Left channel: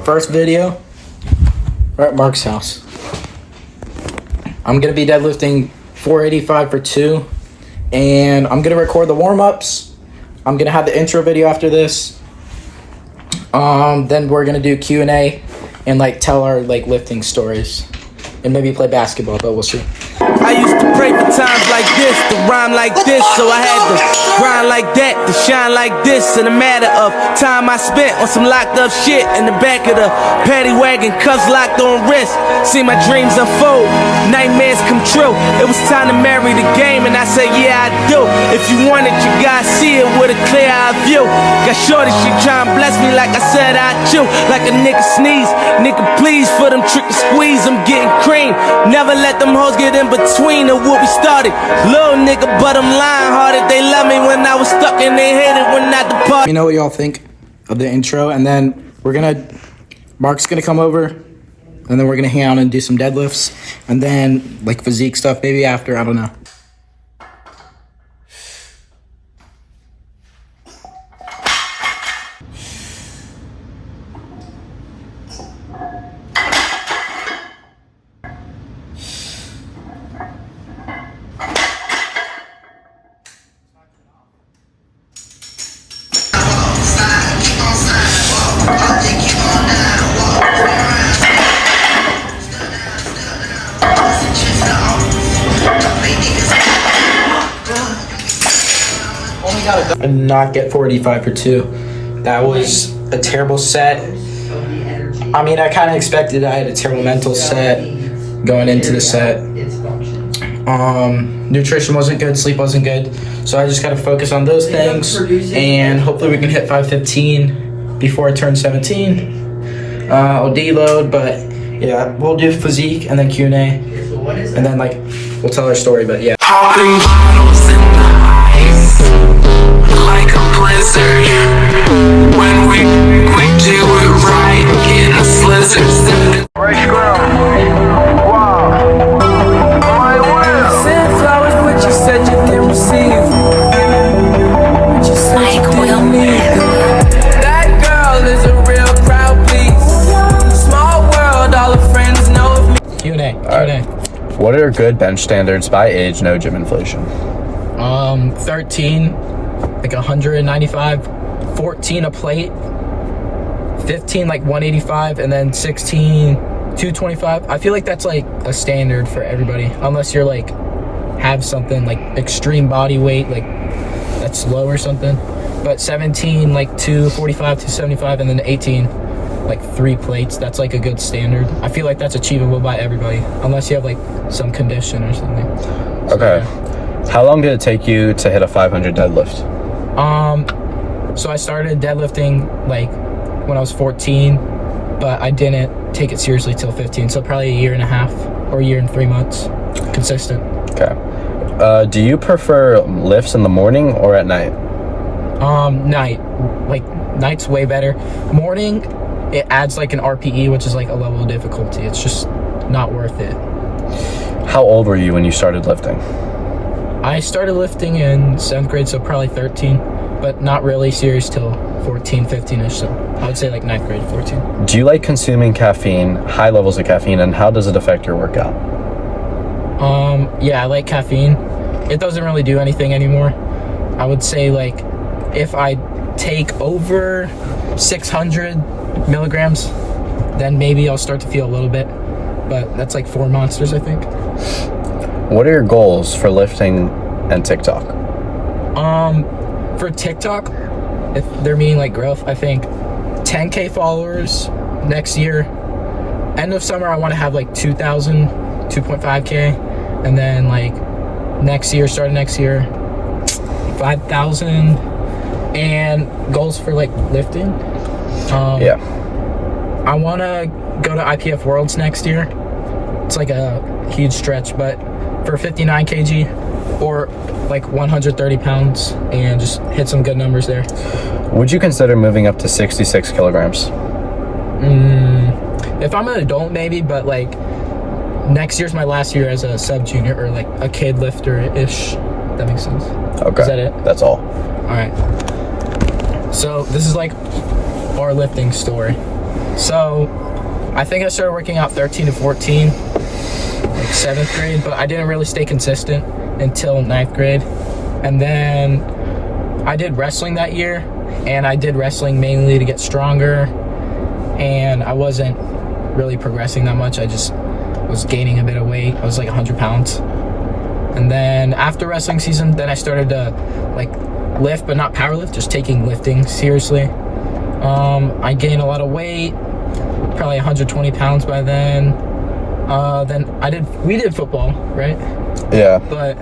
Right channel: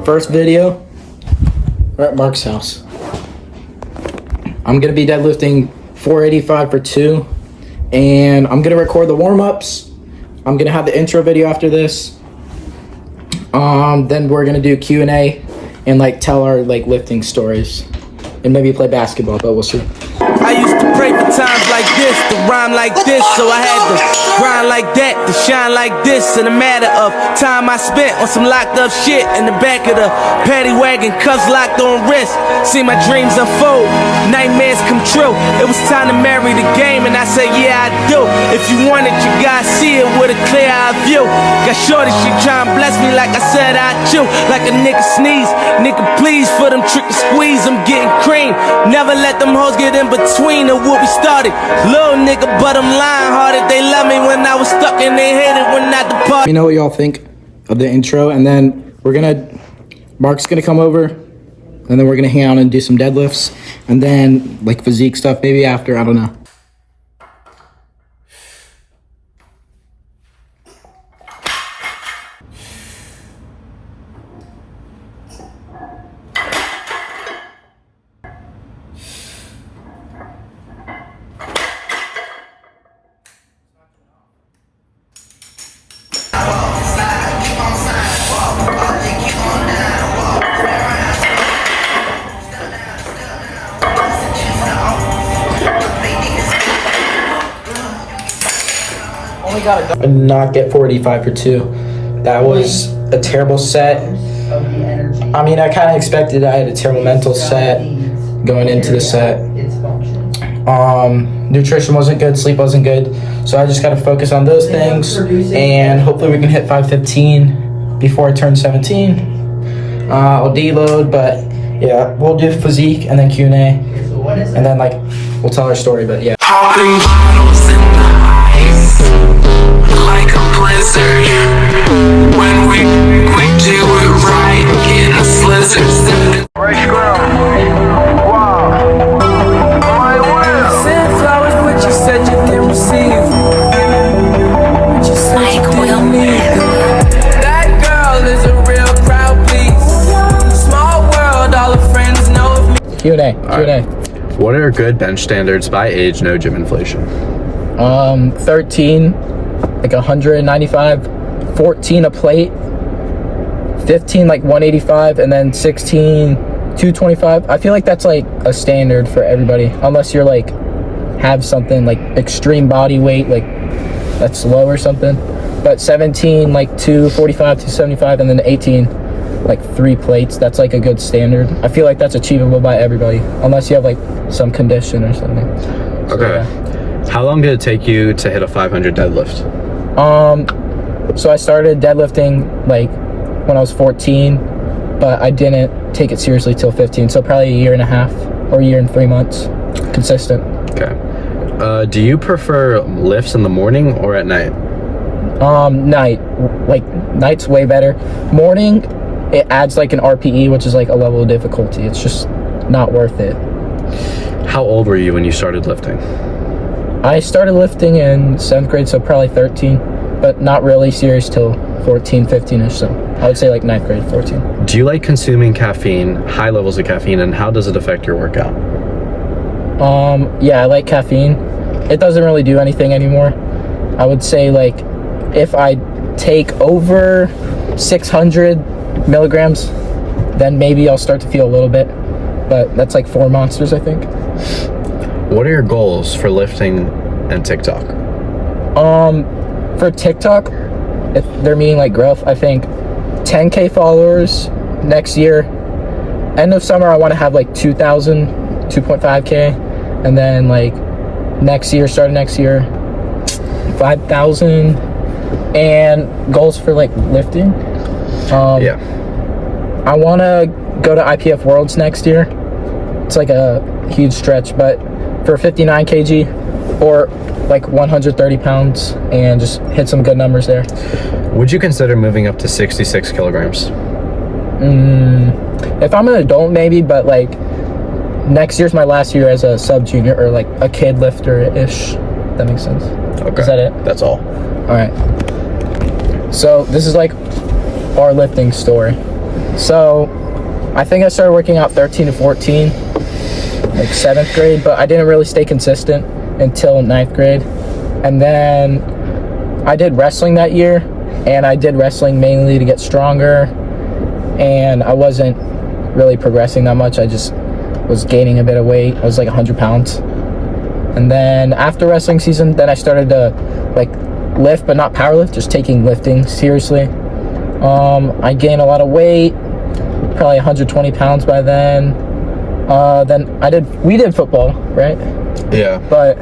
First video, we're at Mark's house. I'm gonna be deadlifting 485 for 2, and I'm gonna record the warm-ups. I'm gonna have the intro video after this. Then we're gonna do Q&A and like tell our like lifting stories, and maybe play basketball, but we'll see. I used to pray for times like this, to rhyme like this, so I had to grind like that, to shine like this. In a matter of time I spent on some locked up shit in the back of the paddy wagon, cuffs locked on wrist. See my dreams unfold, nightmares come true. It was time to marry the game, and I said, yeah, I do. If you want it, you gotta see it with a clear eye view. Got shorty, she try and bless me like I said I chew. Like a nigga sneeze, nigga please, for them trick and squeeze, I'm getting cream. Never let them hoes get in between of what we started. Little nigga, but I'm lying hearted. They love me when I was stuck and they hated when I departed. Let me know what y'all think of the intro, and then Mark's gonna come over, and then we're gonna hang out and do some deadlifts, and then like physique stuff maybe after, I don't know. I did not get 485 for 2. That was a terrible set. I mean, I kind of expected. I had a terrible mental set going into the set. Nutrition wasn't good, sleep wasn't good, so I just got to focus on those things, and hopefully we can hit 515 before I turn 17. I'll deload, but yeah, we'll do physique and then Q&A, and then like we'll tell our story. But yeah. Popping bottles in the ice, like a blizzard. When we do it right in a slizzard. Fresh ground. Wow. My will. Send flowers, but you said you didn't receive. But you said you didn't need them. That girl is a real crowd, please. Small world, all the friends know of me. Q&A. Q&A. What are good bench standards by age, no gym inflation? 13, like 195, 14 a plate, 15 like 185, and then 16 225. I feel like that's like a standard for everybody, unless you're like have something like extreme body weight, like that's low or something. But 17 like 245, 275, and then 18 like 3 plates. That's like a good standard. I feel like that's achievable by everybody, unless you have like some condition or something. Okay. How long did it take you to hit a 500 deadlift? So I started deadlifting like when I was 14, but I didn't take it seriously till 15. So probably a year and a half or a year and 3 months, consistent. Okay. Do you prefer lifts in the morning or at night? Night. Like night's way better. Morning, it adds like an RPE, which is like a level of difficulty. It's just not worth it. How old were you when you started lifting? I started lifting in 7th grade, so probably 13, but not really serious till 14, 15ish. So I would say like 9th grade, 14. Do you like consuming caffeine, high levels of caffeine, and how does it affect your workout? Yeah, I like caffeine. It doesn't really do anything anymore. I would say like if I take over 600 milligrams, then maybe I'll start to feel a little bit, but that's like 4 monsters, I think. What are your goals for lifting and TikTok? For TikTok, if they're meaning like growth, I think 10K followers next year. End of summer, I want to have like 2,000, 2.5K, and then like starting next year, 5,000. And goals for like lifting. Yeah. I want to go to IPF Worlds next year. It's like a huge stretch, but for 59 kg or like 130 pounds, and just hit some good numbers there. Would you consider moving up to 66 kilograms? If I'm an adult, maybe, but like next year's my last year as a sub junior or like a kid lifter-ish. That makes sense. Okay. Is that it? That's all. All right. So this is like our lifting story. So I think I started working out 13 to 14, like 7th grade, but I didn't really stay consistent until 9th grade. And then I did wrestling that year, and I did wrestling mainly to get stronger, and I wasn't really progressing that much. I just was gaining a bit of weight. I was like 100 pounds. And then after wrestling season, then I started to like lift, but not powerlift, just taking lifting seriously. I gained a lot of weight, probably 120 pounds by then. Then we did football, right? Yeah. But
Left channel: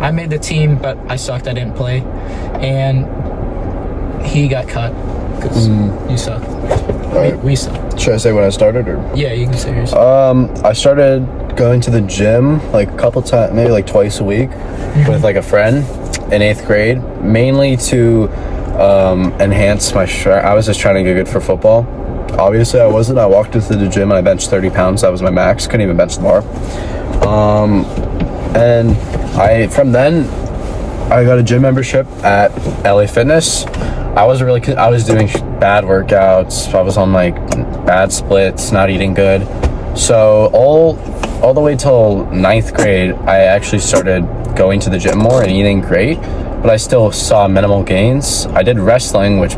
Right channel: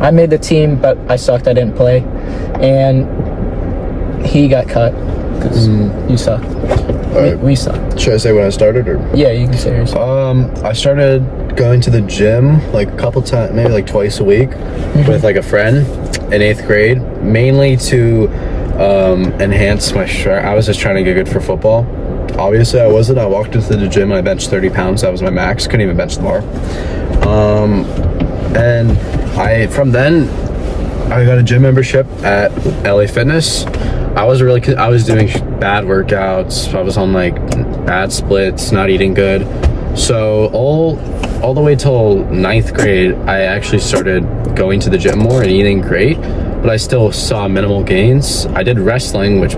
I made the team, but I sucked. I didn't play, and he got cut because you suck. Right. We suck. Should I say when I started, or? Yeah, you can say yours. I started going to the gym like a couple times, maybe like twice a week, with like a friend in 8th grade, mainly to enhance my strength. I was just trying to get good for football. Obviously, I wasn't. I walked into the gym and I benched 30 pounds. That was my max. Couldn't even bench the bar. And from then I got a gym membership at LA Fitness. I was doing bad workouts. I was on like bad splits, not eating good. So all the way till 9th grade, I actually started going to the gym more and eating great, but I still saw minimal gains. I did wrestling, which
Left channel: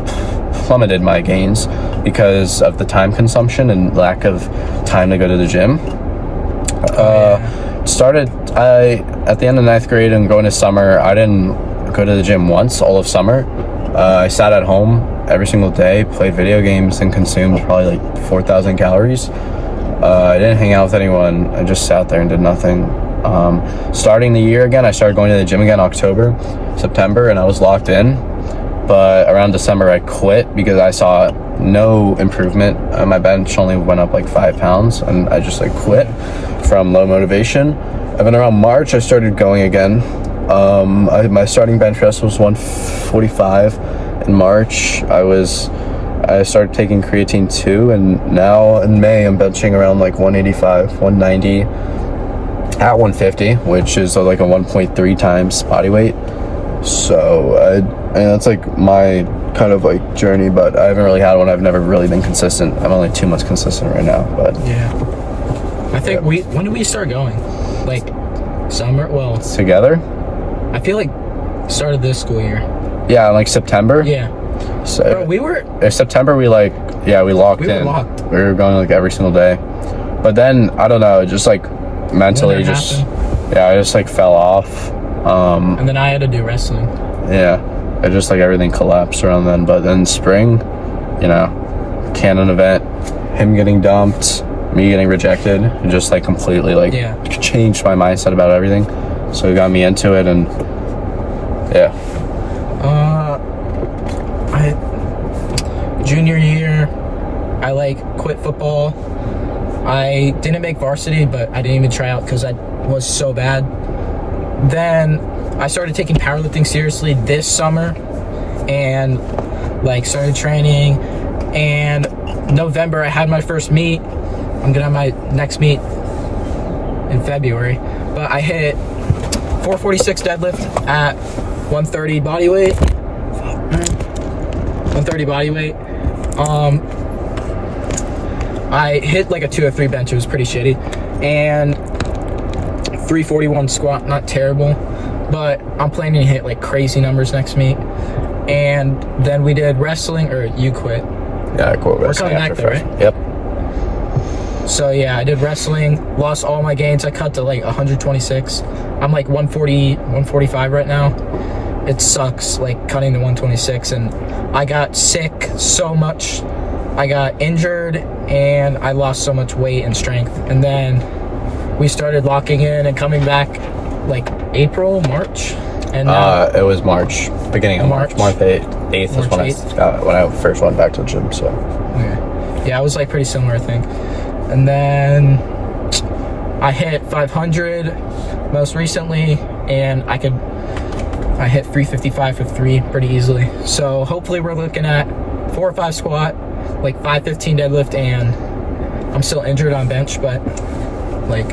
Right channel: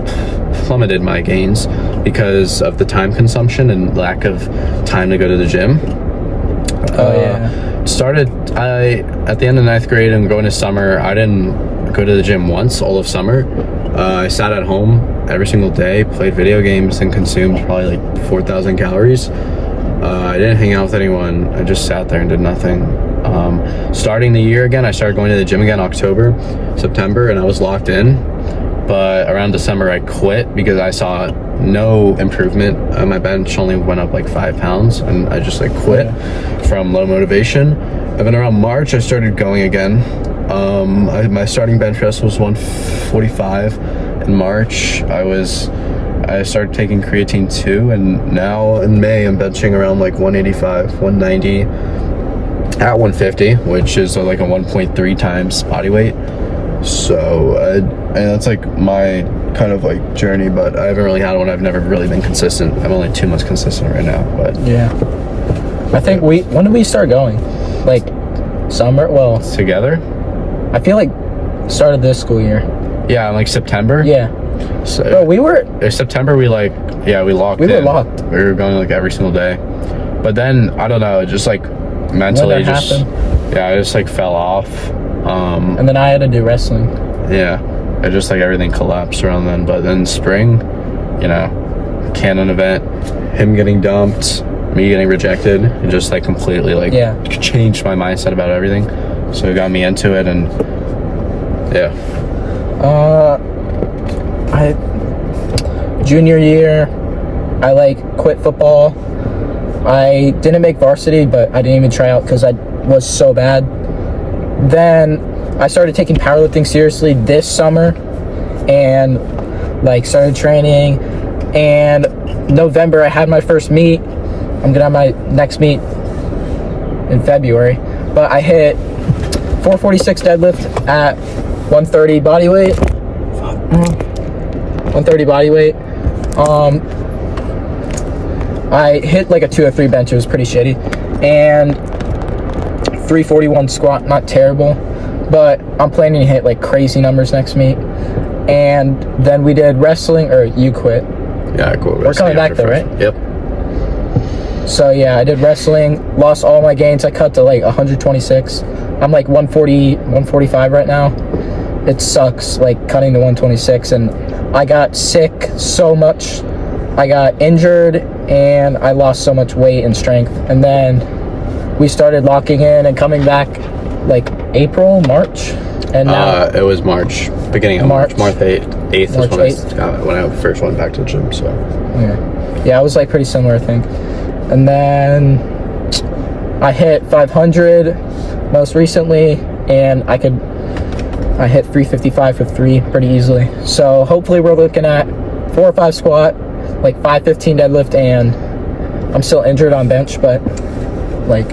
plummeted my gains because of the time consumption and lack of time to go to the gym. At the end of 9th grade and going to summer, I didn't go to the gym once all of summer. I sat at home every single day, played video games, and consumed probably like 4,000 calories. I didn't hang out with anyone. I just sat there and did nothing. Starting the year again, I started going to the gym again October, September, and I was locked in. But around December, I quit because I saw no improvement. My bench only went up like 5 pounds, and I just like quit from low motivation. And then around March, I started going again. My starting bench press was 145. In March, I started taking creatine too, and now in May, I'm benching around like 185, 190 at 150, which is like a 1.3 times body weight. So and that's like my kind of like journey, but I haven't really had one. I've never really been consistent. I'm only 2 months consistent right now, but yeah. I think when did we start going? Like summer? Well, together? I feel like started this school year. Yeah, like September. Yeah. So Bro, we were in September. We locked We were in. locked. We were going like every single day, but then I don't know, just like mentally, When that happened. I just like fell off. And then I had to do wrestling. Yeah, it just like everything collapsed around then. But then spring, Canon event, him getting dumped, me getting rejected, it just like completely like changed my mindset about everything. So it got me into it, and yeah. Junior year, I like quit football. I didn't make varsity, but I didn't even try out because I was so bad. Then I started taking powerlifting seriously this summer, and like started training. And November, I had my first meet. I'm gonna have my next meet in February, but I hit 446 deadlift at 130 body weight. 130 body weight. I hit like a 2 or 3 bench. It was pretty shitty. And 341 squat, not terrible, but I'm planning to hit like crazy numbers next meet. And then we did wrestling, or you quit. Yeah, I quit. We're coming back there, right? Yep. So yeah, I did wrestling, lost all my gains. I cut to like 126. I'm like 140, 145 right now. It sucks, like cutting to 126, and I got sick so much. I got injured and I lost so much weight and strength. And then we started locking in and coming back like April, March. And now It was March, beginning of March 8th was when I first went back to the gym. So okay. Yeah, I was like pretty similar, I think. And then I hit 500 most recently, and I hit 355 for 3 pretty easily. So hopefully we're looking at 4 or 5 squat, like 515 deadlift, and I'm still injured on bench, but like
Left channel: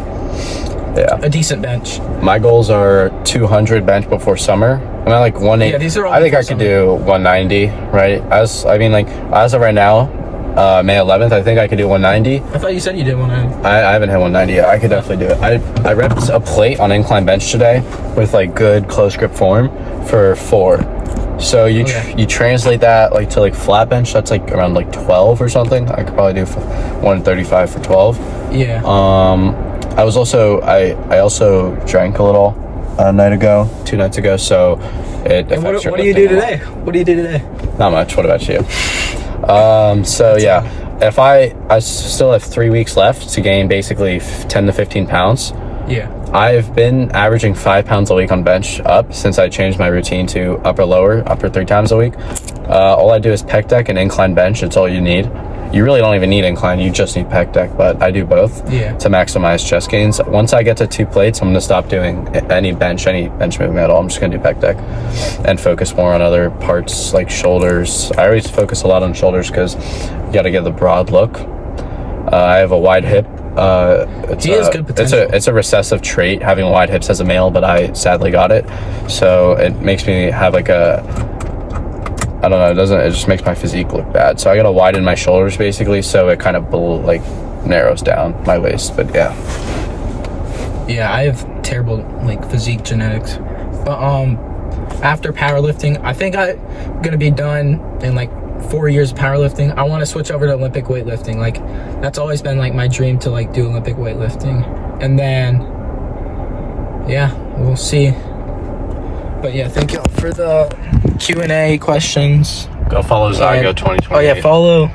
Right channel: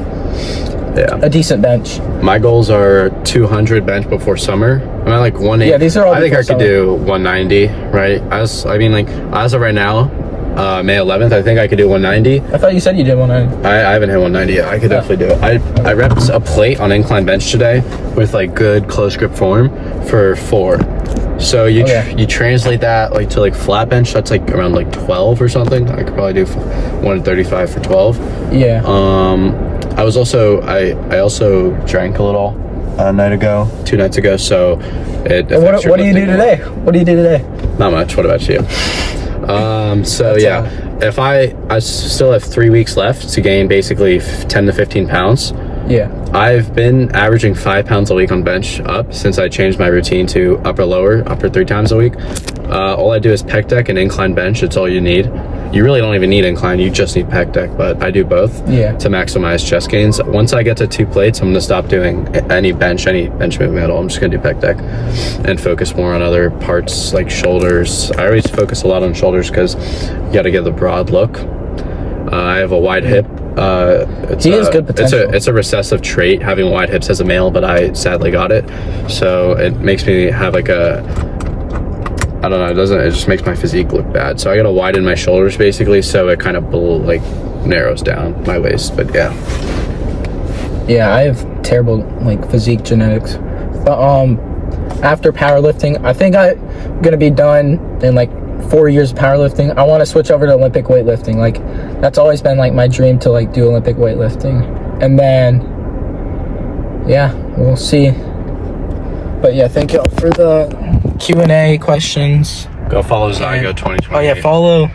a decent bench. My goals are 200 bench before summer. I'm at like 180. Yeah, these are all I think I could summer. do 190, right? As of right now, May 11th. I think I could do 190. I thought you said you did 190. I haven't hit 190 yet. I could definitely do it. I repped a plate on incline bench today with like good close grip form for 4. So you you translate that like to like flat bench. That's like around like 12 or something. I could probably do 135 for 12. Yeah. I also drank a little 2 nights ago. So it. What do you do today? What do you do today? Not much. What about you? So yeah, if I still have 3 weeks left to gain basically 10 to 15 pounds. Yeah. I've been averaging 5 pounds a week on bench up since I changed my routine to upper 3 times a week. All I do is pec deck and incline bench. It's all you need. You really don't even need incline, you just need pec deck, but I do both to maximize chest gains. Once I get to 2 plates, I'm gonna stop doing any bench movement at all. I'm just gonna do pec deck and focus more on other parts like shoulders. I always focus a lot on shoulders because you gotta get the broad look. I have a wide hip. He has good potential. It's a recessive trait, having wide hips as a male, but I sadly got it. So it makes me have like I don't know, it just makes my physique look bad. So I gotta widen my shoulders basically, so it kind of like narrows down my waist. But yeah, I have terrible like physique genetics. But after powerlifting, I think I'm gonna be done in like 4 years of powerlifting. I want to switch over to Olympic weightlifting. Like that's always been like my dream to like do Olympic weightlifting. And then we'll see. But yeah, thank you all for the Q&A questions. go follow Zygo 2020. Oh yeah, follow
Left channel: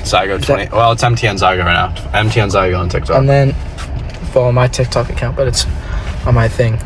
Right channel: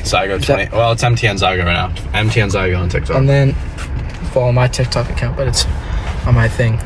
Zygo 20. Well, it's MTN Zygo right now. MTN Zygo on TikTok. And then follow my TikTok account, but it's on my thing.